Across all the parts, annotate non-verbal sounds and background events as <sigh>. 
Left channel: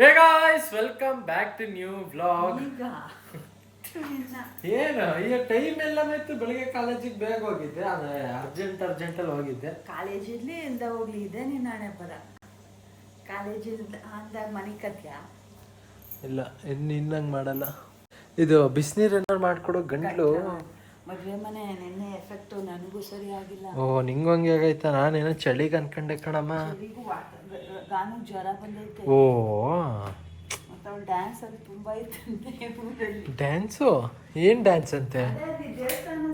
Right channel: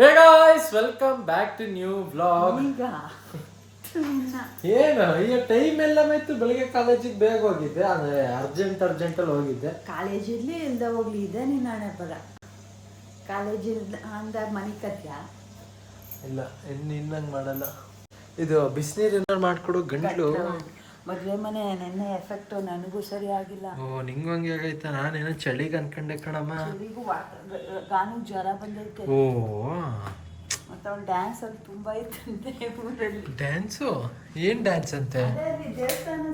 Hey guys welcome back to new vlog ಈಗ? ಏನು ಈಗ ಟೈಮ್ ಎಲ್ಲ ಇತ್ತು ಬೆಳಿಗ್ಗೆ ಕಾಲೇಜಿಗೆ ಬೇಗ ಹೋಗಿದ್ದೆ ಅಂದ್ರೆ ಅರ್ಜೆಂಟ್ ಅರ್ಜೆಂಟ್ ಅಲ್ಲಿ ಹೋಗಿದ್ದೆ. ಕಾಲೇಜಿರ್ಲಿ ಇಲ್ದ ಹೋಗ್ಲಿ ಇದೆ ನಿನ್ನ ಹಣೆ ಪದ ಕಾಲೇಜ್ ಇಲ್ದ ಅಂದಾಗ ಮನೆ ಕತ್ಯ ಇಲ್ಲ ಇನ್ನು ಇನ್ನಂಗ್ ಮಾಡಲ್ಲ. ಇದು ಬಿಸಿನೀರು ಏನಾರು ಮಾಡ್ಕೊಡು ಗಂಟ್ಲು. ಮದ್ವೆ ಮನೆ ನೆನ್ನೆ ಎಫೆಕ್ಟು ನನಗೂ ಸರಿ ಆಗಿಲ್ಲ. ಓ ನಿಂಗೂ ಹಂಗೆ ಆಗೈತಾ? ನಾನೇನೋ ಚಳಿಗೆ ಅನ್ಕಂಡೆ ಕಣಮ್ಮ. ಚಳಿಗೂ ಗಾನು ಜ್ವರ ಬಂದೈತೆ. ಓ. ಮತ್ತೆ ಅವ್ಳು ಡ್ಯಾನ್ಸ್ ಅಲ್ಲಿ ತುಂಬ ಇತ್ತಂತೆ ಊರಲ್ಲಿ. ಡ್ಯಾನ್ಸು ಏನ್ ಡ್ಯಾನ್ಸ್ ಅಂತೆ? ಅದೇ ದೇವಸ್ಥಾನ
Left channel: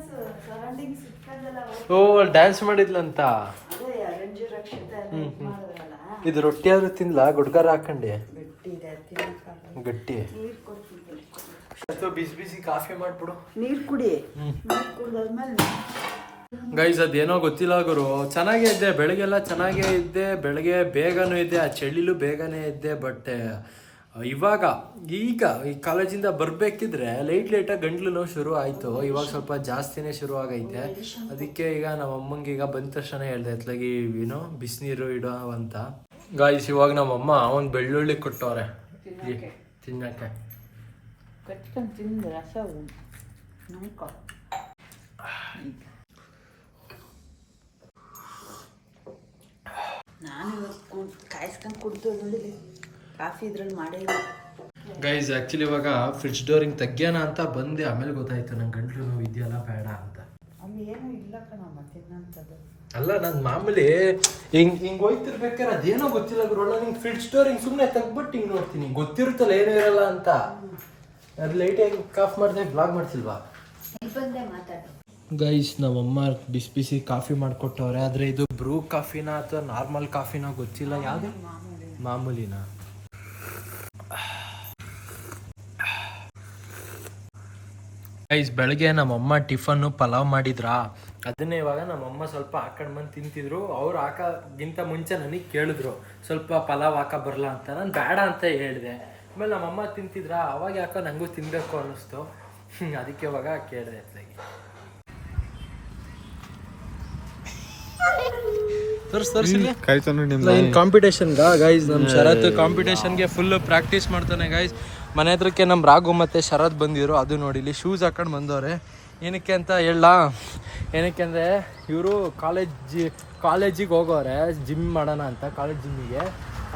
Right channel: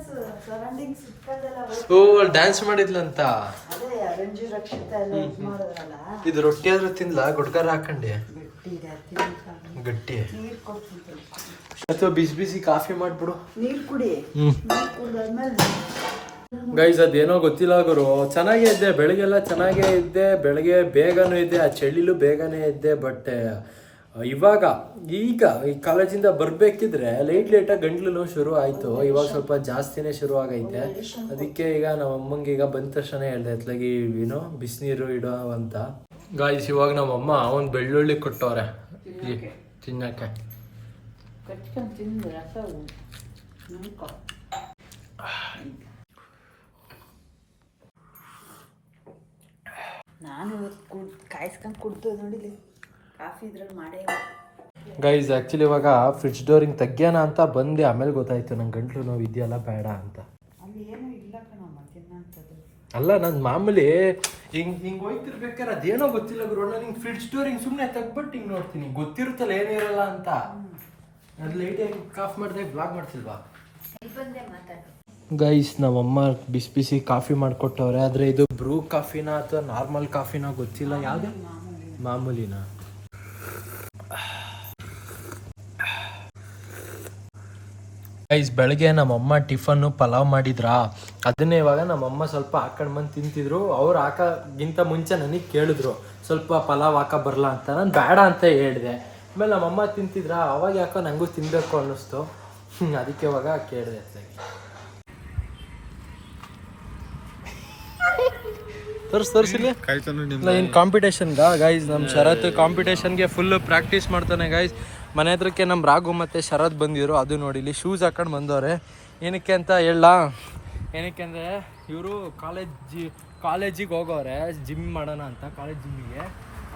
ಸರೌಂಡಿಂಗ್ ಓ ಡ್ಯಾನ್ಸ್ ಮಾಡಿದ್ಲಂತ? ಅದೇ ರಂಜು ರಕ್ಷಿತ ಎಲ್ಲ ಇದ್ ಇದು ರೊಟ್ಟಿ ಆದ್ರೂ ತಿನ್ಲಾ? ಗುಡ್ಗಾರ ಹಾಕೊಂಡೆ? ಗಟ್ಟಿ ಇದೆ ತಿನ್ನಿಸ್ಕೊಂಡು. ಗಟ್ಟಿ. ನೀರ್ ಕೊಡ್ತಿದ್ದೆ. ಅಥವಾ ಬಿಸಿ ಬಿಸಿ ಕಾಫಿ ಮಾಡ್ಬಿಡು. ನೀರು ಕುಡಿ. ಹ್ಮ್. ನೀರ್ ಕುಡ್ದಾದ್ಮೇಲೆ ಗೈಸ್ ಅದೇನೋ ಗೊತ್ತಿಲ್ಲ ಗುರು. ಚೆನ್ನಾಗೇ ಇದ್ದೆ ಬೆಳಗ್ಗೆಲ್ಲ ಚೆನ್ನಾಗೇ ಇದ್ದೆ ಬೆಳಗ್ಗೆ ಬೇಗನೂ ಇದ್ದೆ ಆ ಚಳಿಲೂ ಬೇಗನೆ ಇದ್ದೆ ಬಟ್ ಇವಾಗ ಈಗ ಈ ಕಾಲೇಜಿಂದ ಬರಬೇಕಿದ್ರೆ ಲೇಟ್ ಲೇಟಾಗಿ ಗಂಟ್ಲು ನೋವು ಶುರು ಆಯಿತು. ಇವಾಗ ಸ್ವಲ್ಪ ಜಾಸ್ತಿನೇ ಶುರು ಆಗೈತೆ. ಅದಕ್ಕೆ ಈಗ ನಮ್ಮ ಅಮ್ಮಂಗೆ ಈಗ ಬಂದ ತಕ್ಷಣ ಹೇಳ್ದೆ ಎತ್ಲಾಗಿ ಏನೋ ಬಿಸಿನೀರು ಇಡೋ ಅಂತ. ಗಾಯ್ಸ್ ಇವಾಗ ನಮ್ಮಮ್ಮ ಒಂದು ಬೆಳ್ಳುಳ್ಳಿ ಕೊಟ್ಟವ್ರೆ. ತಿನ್ನಕ್ಕೆ. ಕಟ್ಕೊಂಡು ತಿಂದು ರಸ ನಂಬ್ಕೊ ನಾನು ಇವತ್ತು ಕುಡ್ ಕಾಯಿಸ್ಕೊಂಡು ಕುಡ್ದು ನೋಡಿ. ಕಾಫಿ ಇದ್ರಲ್ಲಿ ಮಾಡೇ ಇಲ್ಲ. ಗೈಸ್ ಆ್ಯಕ್ಚುಲಿ ಇವಾಗ ಫ್ರಿಡ್ಜ್ ಡೋರಿಂಗ್ ತೆಗ್ಯೋಣ ಅಂತ ಬಂದೆ. ಆಮೇಲೆ ಗೊತ್ತಾಯ್ತು ನಂಗೆ ಗಂಟ್ಲು ನೋವು ಇದೆಯಲ್ಲ ಬೇಡ ಅಂತ. ಅಲ್ಲಿ ಏನೂ ಇಲ್ಲ ಅಲ್ಲ ನನ್ನ ಮಾಮೂಲಿ ಹಿಂಗ್ ಹಿಂಗ್ ಹೋಯ್ತಿರ್ಬೇಕಾದ್ರೆ ಅದೇನೋ ಗೊತ್ತಿಲ್ಲ ಗುರು. ನಾನು ಹಿಂಗ್ ಫ್ರಿಡ್ಜ್ ಡೋರ್ ಸುಮ್ನೆ ಸುಮ್ಮನೆ ತೆಗ್ಬಿಟ್ಟು ಹಿಂಗೆ ನೋಡ್ತೀನಿ. ಗೊತ್ತಿರುತ್ತಲ್ಲ ಏನೂ ಇರಲ್ಲ ಅಂತ. ಅದು ಲೈಟಾಗಿ ಕಾಫ್ ಮಾಡಿದೆ ಬ್ಲಾಗ್ ಮಾಡ್ತಿಲ್ವಾ? ಗೈಸ್ ನಮ್ಮಮ್ಮ ಬಿಸಿ ಬಿಸಿ ಕಾಫಿ ಮಾಡ್ಕೊಟ್ಟವ್ರೆ ಆದರೆ ಇದು ಬ್ರೂ ಕಾಫಿನ ಅಥವಾ ನಾರ್ಮಲ್ ಕಾಫಿನ ಗೊತ್ತಿಲ್ಲ? ಯಾವುದು? ಮಾಮೂಲಿ. ಮಾಮೂಲಿನ? ಗೈಸ್ ಬೆಳಗ್ಗೆ ನಮ್ಮಮ್ಮ ಟಿಫನ್ನು ಪಲಾವ್ ಮಾಡಿದ್ರಾ? ಅದನ್ನೇ ಇವಾಗ ನಮ್ಮಮ್ಮ ಸ್ವಲ್ಪ ಹಾಕೊಂಡ್ ಬಂದು ತಿಂತಿದ್ರು. ಅವ್ರು ಹಾಕೋಗಿಂತ ಮುಂಚೆ ನನಗೆ ಕೇಳಿದ್ರು ಸ್ವಲ್ಪ ಪಲಾವ್ ಹಾಕ ಬರಲ್ಲ ಅಂತ. ನಾನು ಬೇಡ ಅಂತ ಹೇಳಿದೆ. ಆಮೇಲೆ ನಮ್ಮಮ್ಮ ತಿಂತಿದ್ರ? ಅವಾಗ ಯಾಕೋ ನಂಗೂ ತಿನ್ಬೇಕು ಅನ್ನಿಸ್ತು. ಅದಕ್ಕೆ ಇವಾಗ ಕೇಳಿದೆ ಅತ್ಲಾಗಿ. ತೋರ್ಸ್ ತೋರ್ಸಿಲ್ಲ ಏನು ಕಾಂಪಿಟೇಷನ್ಗ ಗೈಸ್ ನಮ್ಮ ಶರತ್ ಕಾಂಪಿಟೇಷನ್ಗೆ ಫುಲ್ ಪ್ರಾಕ್ಟೀಸ್ ಮಾಡ್ತಾನೆ ಗೈಸ್ ಮನೆ ಹತ್ರಕ್ಕೆ ನಮ್ಮ ರಾಘು ಮತ್ತೆ ಶರತ್ ಬಂದಿದ್ರು ಅದು ನೋಡಿ ಇಲ್ಲಿ ಶೂಸ್ ಹಾಕೊಂಡು ಬಂದವ್ರೆ. ಏನಕ್ಕೆ ಅಂತ ಹೇಳ ಏನಕ್ಕೆ ಅಂದರೆ ಇವರು ಕಾಲೇಜ್ ಕಾಲೇಜಿಗೆ ಹೋಗೋರೆ ಜಿಮ್ ಮಾಡೋಣ ಅಂತ ಕಾಲೇಜ್ ಜಿಮ್ಮಿಗೆ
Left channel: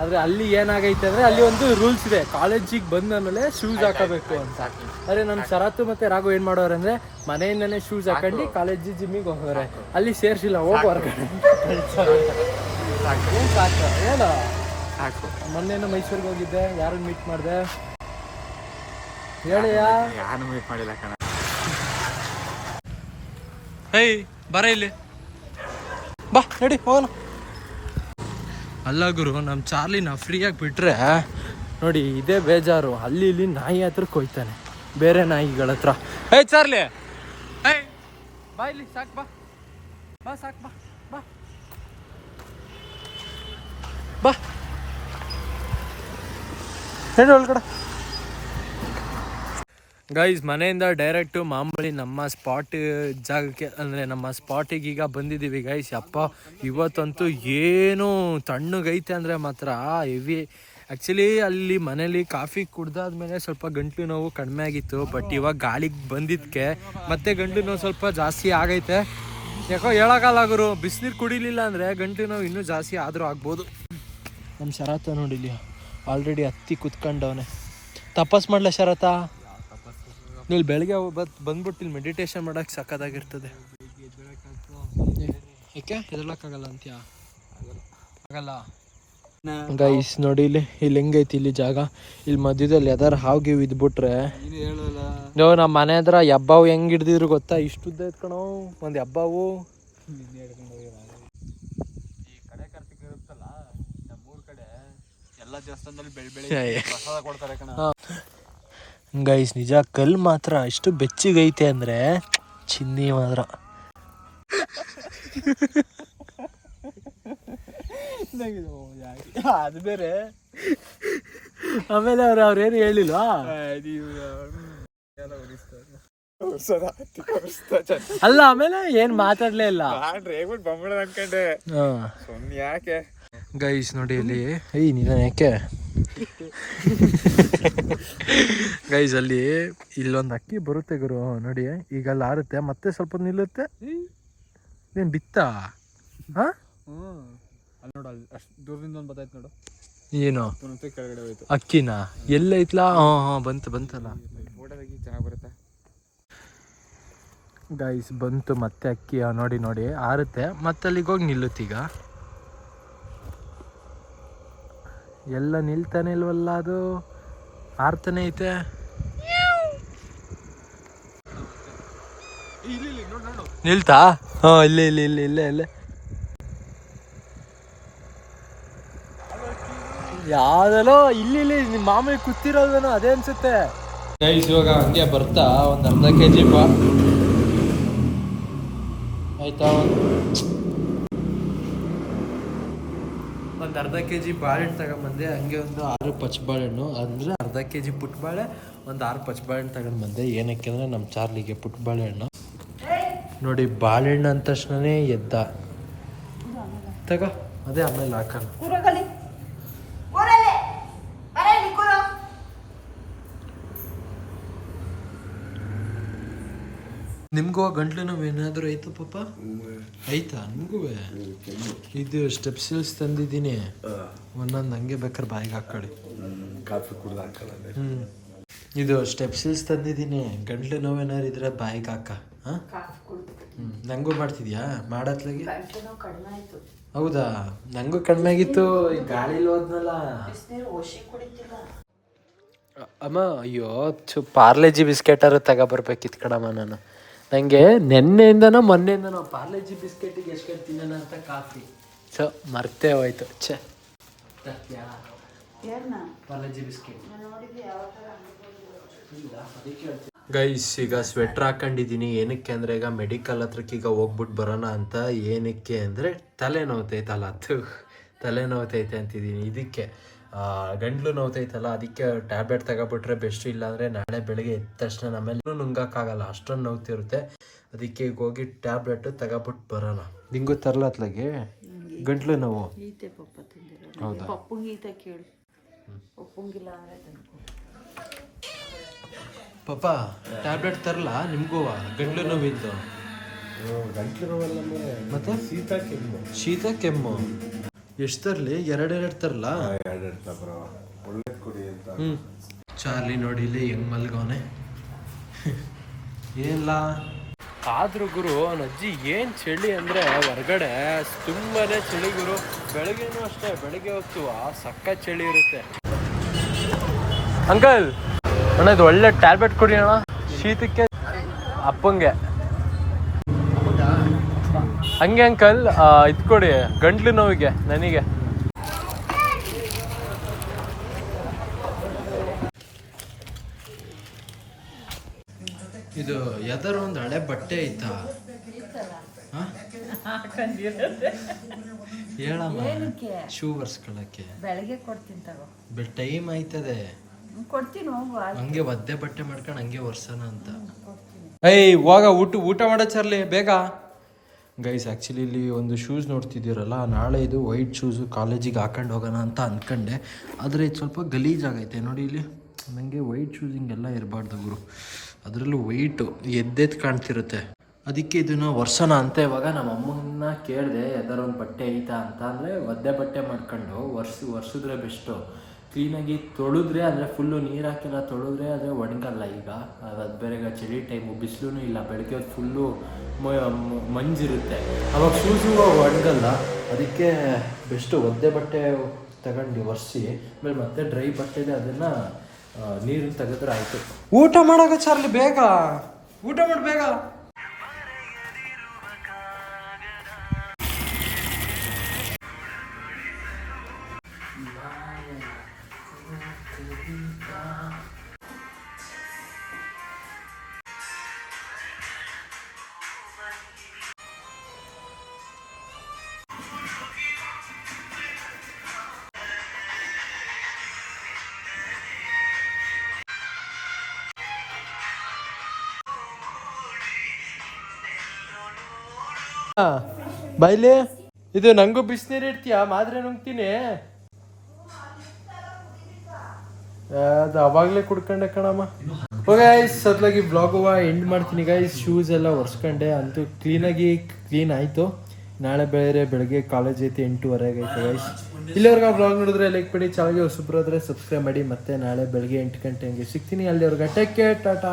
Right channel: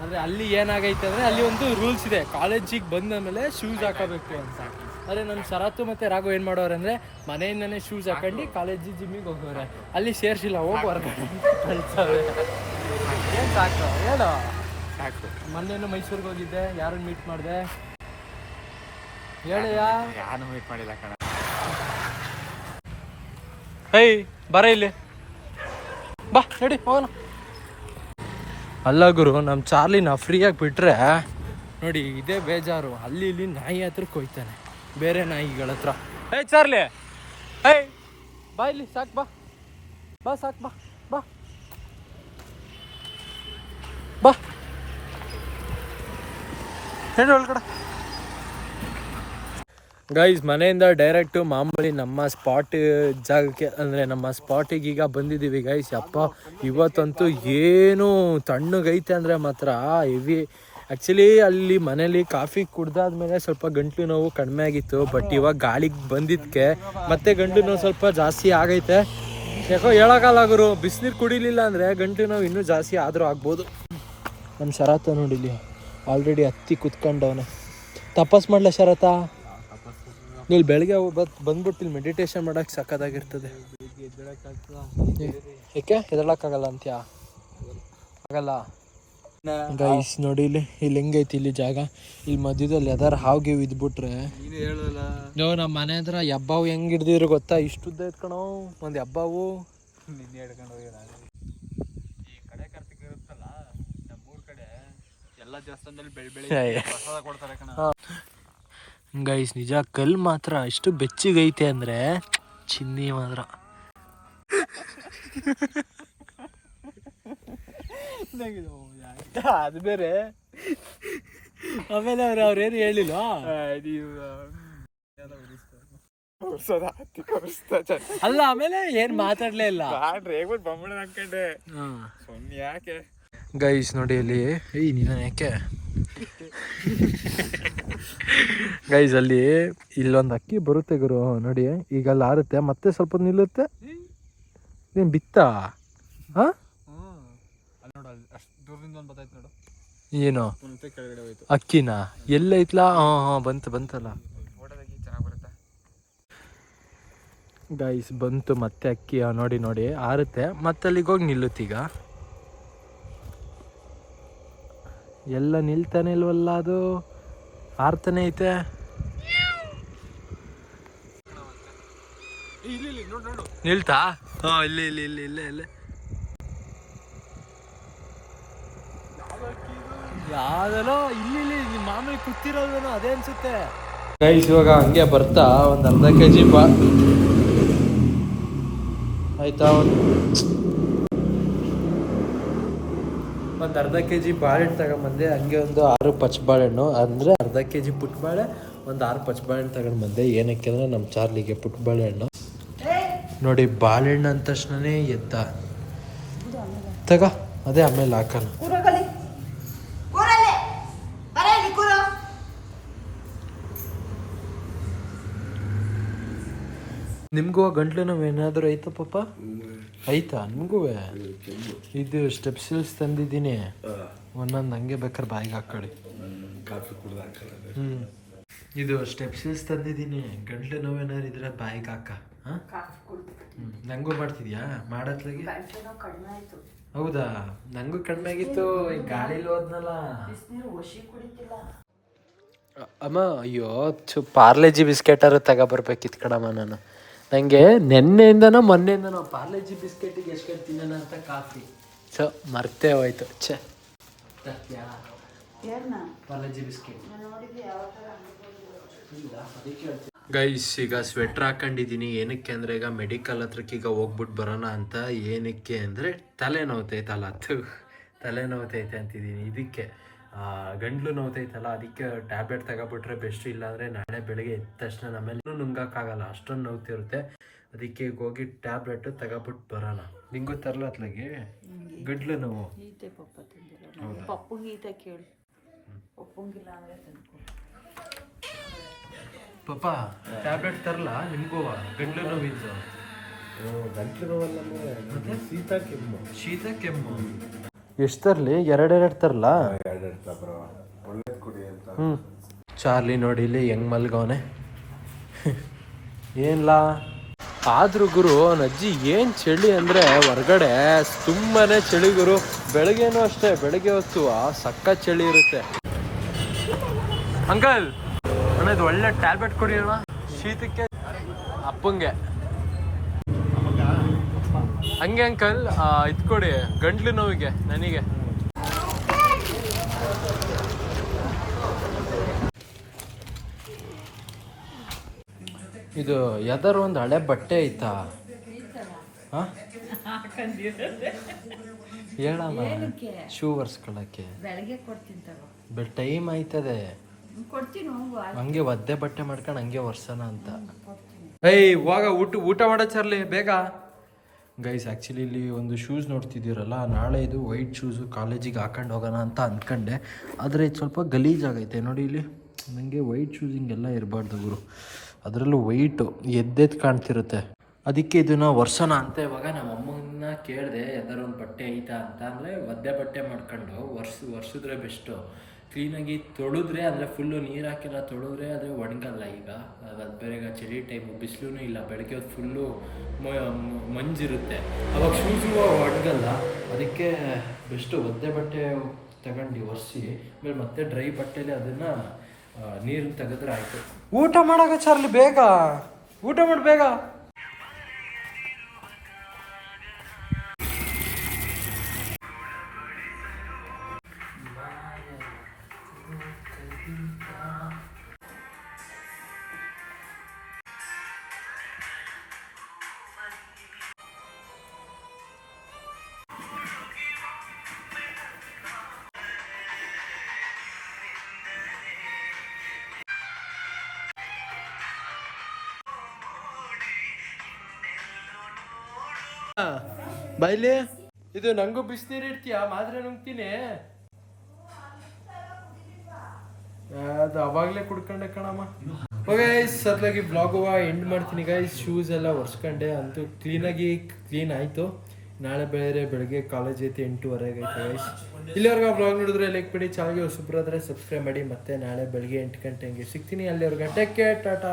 ಆದರೆ ಅಲ್ಲಿ ಏನಾಗೈತೆ ಅಂದರೆ ಅಲ್ಲಿ ಒಂದು ರೂಲ್ಸ್ ಇದೆ. ಕಾಲೇಜಿಗೆ ಬಂದ ಮೇಲೆ ಶೂಸ್ ಹಾಕೋಬೇಕು ಅಂತ. ಆದರೆ ನನ್ನ ಶರತ್ತು ಮತ್ತು ರಾಘು ಏನು ಮಾಡೋರು ಅಂದರೆ ಮನೆಯಿಂದನೇ ಶೂಸ್ ಹಾಕೊಂಡು ಕಾಲೇಜ್ ಜಿಮ್ಮಿಗೆ ಹೋಗೋರೆ. ಅಲ್ಲಿ ಸೇರಿಸಿಲ್ಲ ಹೋಗ್ಬಾರ್ದು. ಏನು ಸಾಕು ಹೇಳು. ಸಾಕು. ಮೊನ್ನೆನೂ ಮೈಸೂರಿಗೆ ಹೋಗಿದ್ದೆ ಯಾರನ್ನ ಮೀಟ್ ಮಾಡಿದೆ? ಹೇಳಿಯಾ ಯಾರು ಮೀಟ್ ಮಾಡಿಲ್ಲ ಕಣ. ಹೇಯ್ ಬರ ಇಲ್ಲಿ. ಬಾ ರೆಡಿ ಹೋಗೋಣ. ಅಲ್ಲ ಗುರು ನಮ್ಮ ಚಾರ್ಲಿನ ಫ್ರೀಯಾಗಿ ಬಿಟ್ಟರೆ ನೋಡಿ ಇದೇ ಬೇಜಾರು. ಅಲ್ಲಿ ಇಲ್ಲಿ ನಾಯಿ ಹತ್ರ ಕೊಯ್ತಾನೆ. ಬೇರೆ ನಾಯಿಗಳ ಹತ್ರ. ಏಯ್ ಚಾರ್ಲಿ! ಏಯ್! ಬಾ ಇಲ್ಲಿ, ಸಾಕು ಬಾ. ಬಾ, ಸಾಕು ಬಾ. ಬಾ. ಬಾ. ಹೇಳಿ ಒಳಗಡೆ. ಗೈಸ್ ಮನೆಯಿಂದ ಡೈರೆಕ್ಟು ಮಾಮೂಲಿ ನಮ್ಮ ಸ್ಪಾಟ್ ಜಾಗಕ್ಕೆ, ಅಂದರೆ ನಮ್ಮ ಸ್ಪಾಟಿಗೆ ಈಗ ಬಂದಿದ್ದೀವಿ ಗೈಸ್ ಅಪ್ಪ ಇವತ್ತಂತೂ ಏನು ತಣ್ಣಗೈತೆ ಅಂದರೆ ಮಾತ್ರ ಹೆವಿ ಆ್ಯಕ್ಚುಲಿ ಅಲ್ಲಿ ಮನೇಲಿ ಕಾಫಿ ಕುಡ್ದಾದ್ಮೇಲೆ ಸ್ವಲ್ಪ ಗಂಟ್ಲು ನೋವು ಕಡಿಮೆ ಆಗಿತ್ತು. ಬಟ್ ಇವಾಗ ಗಾಳಿಗೆ ಬಂದಿದ್ದಕ್ಕೆ ಮತ್ತೆ ಗಂಟ್ಲು ನೋವು ಸ್ವಲ್ಪ ಜಾಸ್ತಿ ಆಗೈತೆ. ಯಾಕೋ ಹೇಳೋಕ್ಕಲ್ಲ ಗುರು, ಬಿಸಿನೀರು ಕುಡಿಲಿಲ್ಲ ಅಂದರೆ ಗಂಟ್ಲು ನೋವು ಇನ್ನೂ ಜಾಸ್ತಿ ಆದರೂ ಆಗ್ಬೋದು. ನಮ್ಮ ಶರತ ನೋಡಿಲಿ ಆಲ್ರೆಡಿ ಹತ್ತಿ ಕುತ್ಕೊಂಡವನೆ. ತಪಸ್ ಮಾಡ್ಲಾ ಶರತ? ಇಲ್ಲಿ ಬೆಳಗ್ಗೆ ಬತ್ ಬಂದ್ಬಿಟ್ಟು ಇಲ್ಲಿ ಮೆಡಿಟೇಷನ್ ಮಾಡಕ್ಕೆ ಸಕ್ಕತ್ತಾಗಿರ್ತದೆ ಏಕೆ? ಹೆದರ್ಲಕ್ಕಾಗಲ್ಲ ಅಂತ್ಯಾ? ಆಗಲ್ಲ ಗೈಸ್ ನೋಡಿ ಇಲ್ಲಿ ಇಲ್ಲಿ ಹೆಂಗೈತಿ ಇಲ್ಲಿ ಜಾಗ? ಇಲ್ಲಿ ಮಧ್ಯದಲ್ಲಿ ಯಾವ್ದಾರು ಗೀವ್ ಇದ್ಬಿಟ್ರೆ ನಾವು ನಮ್ಮ ಮನೆ ಹತ್ರ ಹಬ್ಬವು ಹೆಂಗ್ ಹಿಡ್ದಿದ್ರು ಗೊತ್ತಾ? ಇಷ್ಟುದ್ದ ಉದ್ದ ಒಂದು ಹಬ್ಬವು ಈ ಕಡೆ ಇರುತ್ತಲ್ಲ ನಮ್ಮೂರ್ ಕಡೆ ಎಲ್ಲ ದೇವಸ್ಥಾನದಲ್ಲಿ ಬೆಳ್ ಪ್ರಸಾದ ಕೊಡ್ತಾರೆ ಕಣ. ಗೈಸ್ ನಿಜ ಕಲ್ ಮಾತ್ರ ಎಷ್ಟು ಬೆಚ್ಚಿಗೈತೆ ಅಂದ್ರೆ ಚಿನ್ನಿ ಮಾತ್ರ. ಅದು ಬೇರೆ. ಆಮೇಲೆ ಅವ್ರು ಅವ್ರೇನು ಹೇಳಿಲ್ವಾ? ಅಲ್ಲ ಆಮೇಲೆ ಏನ್ ಮಾತಾಡ್ಲೇ ಇಲ್ಲ. ಅನ್ಕೊಂಡೆ. ಯಾಕೆ? ಗೈಸ್ ನೋಡಿ ಇಲ್ಲಿ. ಏಯ್ ನೀನು ಯಾಕೆ? ಗೈಸ್ ಅಲ್ಲಿ ಇಲ್ಲೊಂದು ಅಕ್ಕಿ ಬರುತ್ತೆ ಗುರು ನೋಡಿ. ಈಗ ಅಲ್ಲಿ ಆರುತ್ತೆ ಮತ್ತೆ ಸ್ವಲ್ಪ ನಿಲ್ಲುತ್ತೆ. ಏನ್ ಬಿತ್ತ? ಏನು? ಅಕ್ಕಿನ ಎಲ್ಲೈತ್ಲಾ ಹಾ ಹಾ ಬಂತು ಬಂತಲ್ಲ. ಗೈಸ್ ಬಂತು ಮತ್ತೆ ಅಕ್ಕಿ ನೋಡಿ ನೋಡಿ. ಆರುತ್ತೆ. ಮತ್ತೆ ಅಲ್ಲಿಗೆ ಹೋಗಿ ನಿಲ್ಲುತ್ತೀಗ ಎಲ್ಲ ನಿಲ್ತಾನೆ ಇಲ್ವಲ್ಲ ಅದು? ಆರ್ತಾನೆ ಐತೆ ಇಲ್ಲಿ ಇಲ್ಲಿ ನೋಡು ನೋಡು ನಿಲ್ತಾ? ಹಾ ಇಲ್ಲೇ ಇಲ್ಲ ಇಲ್ಲ ಇಲ್ಲೇ ಇಲ್ಲೇ. ಯಾವ್ದೆಲ್ಲೋ ಇಲ್ಲಿ ಇಲ್ಲಿ ನಿಮ್ಮ ಮಾಮೂಲಿ ಕೂತಿರೋದೇನೋ ಅದೇ ಅನ್ಸುತ್ತೆ. ಗೈಸ್ ಇವಾಗ ಹಂಗೆ ಬರ್ತಾ ಒಂದು ಅರ್ಧ ಕೆ ಜಿ ಬಾ ಆಯ್ತಾ ಒಂದು ಒಂದು ಅರ್ಧ ಕೆ ಜಿ ಬಾಳೆಹಣ್ಣು ತಗೊಂಬಂದೆ ಹಂಗೆ ಒಂದು ಆರು ಪಚ್ಚ ಬಾಳೆಹಣ್ಣು ಅಂದರೆ ಅರ್ಧ ಕೆ ಜಿ ಪುಟ್ಟ ಬಾಳೆ ಒಂದು ಆರು ಪಚ್ಚ ಬಾಳೆಹಣ್ಣು ತಗೊಂಡು ಬಂದೆ ಏನಕ್ಕೆ ಅಂದರೆ ನಮ್ಮ ಚಾರ್ಲಿಗೆ ಪುಟ್ಟ ಬಾಳೆಹಣ್ಣು ನೋಡಿ ಬಾಳೆಹಣ್ಣು ಅಂದ ತಕ್ಷಣನೇ ಎದ್ದ. ತಗ ಅದೇ ಆಮೇಲೆ ಹಾಕಲ್ಲ ನಿಮ್ಗೂ ಗಂಟ್ಲು ನೋವು ಏನಾದರೂ ಐತಾ ಪಾಪ? ಐತಾ ನಿಮಗೂ ಇದು ಸ್ಟೆಪ್ ಸಿಲ್ಸ್ ತಂದಿದ್ದೀನಿ. ಒಂದೊಂದು ಹಂಗೆ ಬೇಕಾದ್ರೆ ಬಾಯಿಗೆ ಹಾಕೊಳ್ಳಿ. ಹ್ಞೂ ಇದು ಸ್ಟೆಪ್ ಸಿಲ್ಸ್ ತಂದಿದ್ದೀನಿ. ಗಂಟ್ಲು ನೋವು ಏನಾದ್ರು ಇದ್ರೆ ಬಾಯಿಗೆ ಹಾಕ. ಹಾಂ? ಕಾಫಿ ಕುಡ್ದು. ಹ್ಞೂ ನಂಗೂ ಮಾಡ್ತಿದ್ಯಾ? ಮಾಡತ್ಲಾಗಿ? ಹೌದಾ? ನಂಗೂ ಕಡಿಮೆ ಆಗಿತ್ತು ಈ ಗಾಳಿಲಿ ಹೋದ್ನಲ್ಲ. ಅಮ್ಮ ಅಯ್ಯೋ ಚು ಪಾರ್ಲೆಜಿ ತಗ ತಗೊಬರ್ಬೇಕಿತ್ತು ಕಣಮ್ಮ ನಾನು. ನನಗೆ ನಿನ್ನೆಯಿಂದನೋ ಮೊನ್ನೆಯಿಂದನೋ ಪಾರ್ಲೆಜಿ ಬಿಸ್ಕೆಟಿಗೆ ಎಷ್ಟು ತಿನ್ನೋಣ ಅಂತ ಕಾಫಿ. ಸೊ ಮರ್ತೇ ಹೋಯ್ತು. ಛೆ. ಪಾರ್ಲೆಜಿ ಬಿಸ್ಕೆಟ್. ಇಲ್ಲ ಅದಕ್ಕೆ ಹೇಳ್ತೀನಿ ಗೈಸ್ ಈಗ ಸ್ವೆಟ್ರ್ ಹಾಕೊಂಡಿದ್ದೀನಿ ಏನಕ್ಕೆ ಅಂದರೆ ಈಗ ಮೆಡಿಕಲ್ ಹತ್ರಕ್ಕೆ ಈಗ ಹೋಗ್ಬಿಟ್ಟು ಬರೋಣ ಅಂತ ಏನಕ್ಕೆ ಅಂದರೆ ತಲೆ ನೋವ್ತೈತಲ್ಲ ಅದು. ತಲೆ ನೋವ್ತೈತೆ ಅಂತಿದ್ದೀನಿ ಇದಕ್ಕೆ ಗಂಡ್ಲು ಗಂಟ್ಲು ನೋವ್ತೈತಲ್ಲ ಅದಕ್ಕೆ ಟ್ಯಾಬ್ಲೆಟ್ ತಗೊಬಿಟ್ರೆ ಬೆಸ್ಟ್ ಇಲ್ಲಾಂದರೆ ನಾಳೆ ಬೆಳಗ್ಗೆ ಎದ್ದ ತಕ್ಷಣ ನಮ್ಮೆಲ್ಲೂ ನುಂಗಕ್ಕಾಗಲ್ಲ. ಅಷ್ಟೊಂದು ನೋವ್ತಿರುತ್ತೆ. ಅದಕ್ಕೆ ಈಗ ಹೋಗಿ ಟ್ಯಾಬ್ಲೆಟ್ ತಗೊಬಿಟ್ಟು ಬರೋಣ. ನಿಂಗೂ ತರ್ಲತ್ಲಾಗೆ? ಗಂಟ್ಲು ನೋವು? ಈತೆ ಪಾಪ ಟ್ಯಾಬ್ಲೆಟ್ ತರಲ್ಲ ನಿಮಗೂ ಗಂಟ್ಲು ನೋವಿದ್ದು ಗಂಟ್ಲು ನೋವಲ್ಲ ಮತ್ತೆ? ಶೀತ ಕೆಮ್ಮು. ಶೀತ ಕೆಮ್ಮು. ಎಷ್ಟು ತರಲಿ? ಎರಡೆರಡು ತರಲ್ಲ ಎರಡೆರಡು ತಬ್ರ ಒಳ್ಳೇದು ಕುಡಿ ಅಂತ. ಹ್ಞೂ ಚಾರ್ಲಿ ನೋಡಿ ಇಲ್ಲಿ ಹೆಂಗ್ ಮಲ್ಗವನೆ. <laughs> ಏನಿಲ್ಲ ಆದ್ರು ಗುರು ಅವನ ಅಜ್ಜಿ ಏನು ಚಳಿ ಅಂದರೆ ಹೊರಗಡೆ ತುಂಬಾನೇ ಚಳಿ ಗುರು. ಬೆಳಗ್ಗೆನೂ ಅಷ್ಟೇ ಬೆಳಗ್ಗೆ ಹೊತ್ತು ಸಕ್ಕ ಚಳಿ ಇರುತ್ತೆ. ಅಂಕಲ್ ಅಣ್ಣ ಇದು ಒಳ್ಳೆ ಟ್ಯಾಬ್ಲೆಟ್ ಕೊಡಿ ಅಣ್ಣ. ಶೀತಕ್ಕೆ ಅಪ್ಪಂಗೆ. ಹಂಗೆ ಅಂಕಲ್ ಇದು ಕೊಡಿ ಗಂಟ್ಲು ನೋವಿಗೆ ನನಗೆ. ಇದು ಯಾವ್ದಾರು ಒಂದು ಹಳೆ ಬಟ್ಟೆ ಐತಾ ಹಾ? ಹೇಳಮ್ಮ ಏನಕ್ಕೆ? ಶೂ ಒರ್ಸ್ಕೊಳಕ್ಕೆ ಬೆಳಗ್ಗೆ ಕೊಡ್ತೀನಿ ಟೈಮ್ ಆಯ್ತದೆ. ಕೊಡ್ತೀನಿ ಹೋಗು ಹಂಗೆ ಒದ್ದೆ ಬಟ್ಟೆ ಮಾಡ್ಕೊಂಡು ಹಂಗೆ ಒರ್ಸೋಣ ಅಂತ. ಏಯ್ ಇವಾಗ ಊಟ ಊಟ ಮಾಡೋ ಚರ್ಲಿ ಬೇಗ. ಗೈಸ್ ಆ್ಯಕ್ಚುಲಿ ಇಲ್ಲಿ ಒಂದು ಶೂಸ್ ನೋಡ್ತಿದ್ದೀರಲ್ಲ ನಾಳೆ ಇದು ವೈಟ್ ಶೂಸು ಕಾಲೇಜಿಗೆ ಹಾಕೊಂಡು ಹೋಗೋಣ ಅಂತ ಅಂದ್ಕೊಂಡೆ ಆದರೆ ಇದು ಸ್ವಲ್ಪ ಗಲೀಜಾಗೈತೆ ನೋಡಿ ಇಲ್ಲಿ ನನಗೆ ವೈಟ್ ಶೂಸ್ ಹಿಂಗೆಲ್ಲ ಇರಬಾರ್ದು ಗುರು. ಅದರಲ್ಲೂ ವೈಟು ಎದ್ದೆದ್ದು ಕಾಣ್ತಿರುತ್ತೆ. ಅದಕ್ಕೆ ಇದನ್ನು ವರ್ಷನ ಅಂತ ಇವಾಗ ನಮ್ಮ ಅಮ್ಮನ್ನ ಕೇಳಿದೆ ಯಾವ್ದಾರು ಒಂದು ಬಟ್ಟೆ ಐತಾ? ಅಂತ. ಅಂದರೆ ಒದ್ದೆ ಬಟ್ಟೆ ಮಾಡ್ಕೊಂಡು ಒರ್ಸ್ ಒರ್ಸಿದ್ರೆ ಬೆಸ್ಟು. ಕ್ಲೀನಾಗಿ ತೊಳೆದ್ರೆ ಅಂದರೆ ಫುಲ್ಲು ನೀರು ಹಾಕೆಲ್ಲ ತೊಳೆದ್ರೆ ಅದು ಒಣಗಲ್ಲ ಈಗ. ಅದು ಬೇರೆ ಈಗ ಚಳಿ ಟೈಮು ಬಿಸಿಲೂ ಇಲ್ಲ, ಬೆಳಗ್ಗೆ ಅದು ಫುಲ್ಲು ಮಂಜಿರುತ್ತೆ. ಅವಾಗ ಶೂಸು ಒಣಗಲ್ಲ, ಅದಕ್ಕೆ ಬೆಸ್ಟು ಒದ್ದೆ ಬಟ್ಟೆ ತಗೊಂಡು ಒರೆಸಿ, ಆಮೇಲೆ ಮತ್ತೆ ಡ್ರೈ ಬಟ್ಟೆನೇ ಅದನ್ನು ನೀರನ್ನು ತೆಗೆದ್ರೆ ಆಯಿತು. ಊಟ ಮಾಡೋಕೆ ಚಾರ್ಲಿ, ಬೇಗ? ಊಟ ಮಾಡಿ, ಬೇಗ? ಬೈಲಿ? ಇದು ನಂಗೂ ಬಿಸಿನೀರು ಇಡ್ತೀಯ? ಮಾದ್ರೆ ನುಂಗ್ತೀನಿ. ಅದು ಅವಾಗಲೇ ಕುಡ್ಕೊಂಡೆ ಕಣಮ್ಮ. ಓಕೆ ಸತ್ಲಾಗಿ ಬ್ಲಾಗು ಎಂಡ್ ಮಾಡ್ತೀನಿ ಗೈಸ್ ಶೂಸ್ ಎಲ್ಲ ಒರೆಸ್ಕೊಂಡೆ. ಅಂತೂ ಕ್ಲೀನಾಗಿ ಕ್ಲೀನ್ ಆಯಿತು. ನಾಳೆ ಬೇರೆ ಬೆಳಗ್ಗೆ ಕಾಲೇಜ್ ಐತೆ ಎಂಟೂವರೆಗೆ ಐತೆ ಗೈಸ್ ಇಲ್ಲಿವರೆಗೆ ಬ್ಲಾಗ್ ನೋಡಿದ್ರೆ ಲೈಕ್ ಮಾಡಿ ಚಾನಲ್ಗೆ ಹೊಸಬ್ರಾದ್ರೆ ಸಬ್ಸ್ಕ್ರೈಬ್ ಮಾಡಿ. ಮತ್ತೆ ನಾಳೆ ಬೆಳಗ್ಗೆ ಎಂಟು ಗಂಟೆ ಹಂಗೆ ಸಿಗ್ತೀನಿ ಅಲ್ಲಿವರೆಗೆ. Take care Tata